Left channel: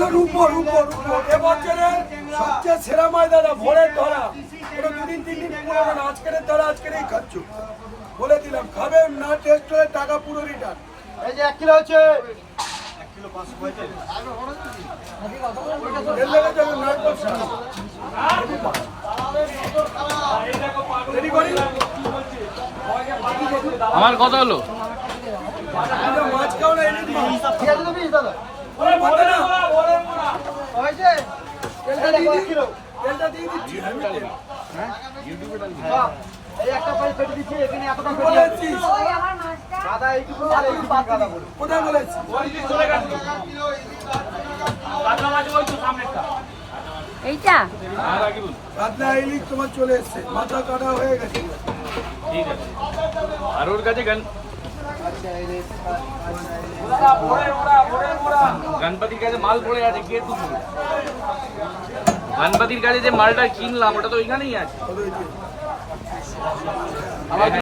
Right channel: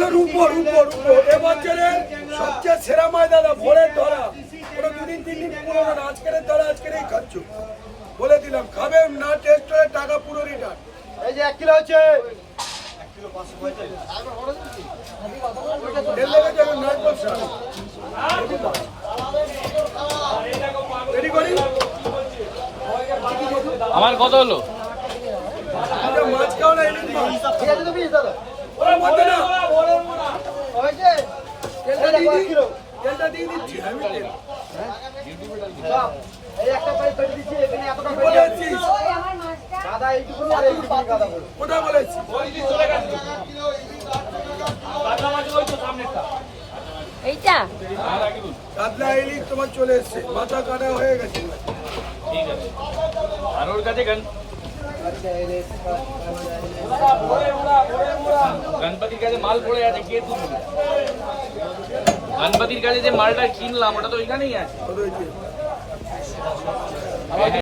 হলো রূপো রূপো রূপো এবছরের সবচেয়ে সেরা মাছ দাদা, ভোরের ধরা। এটা 2 দিন 3 দিন পুরো না, আজকের ধরা আজকেরই খাচ্ছ, বলে দিলাম। খাবে না, টেস্ট হলে টাকা পুরো রিটার্ন। এই যে 1 কিলো হচ্ছে, আমার কত হলো? মাছ খাও না, ঠিক আছে তো 20 দাদা ওর মধ্যে না হয়েছে। তেলটা দিয়ে দিচ্ছি আমি। এই একটা পাই কেটে দিচ্ছি, এখানে এতটা বলে দিচ্ছিস দাদা এইটুকু দাদা বলে কোথায় বলেছি? এইটা কাতলা ইলিশ তোমার চলে এসছে, মাথা কাটা হয়ে গেছে। ঠিক আছে। আর ওর কাছে গণপতির কাছে মাল পড়ে আছে, কে তুলবে? গণপতির কাছে যে মালটা কিনলাম ওটা তো এখানেই আছে।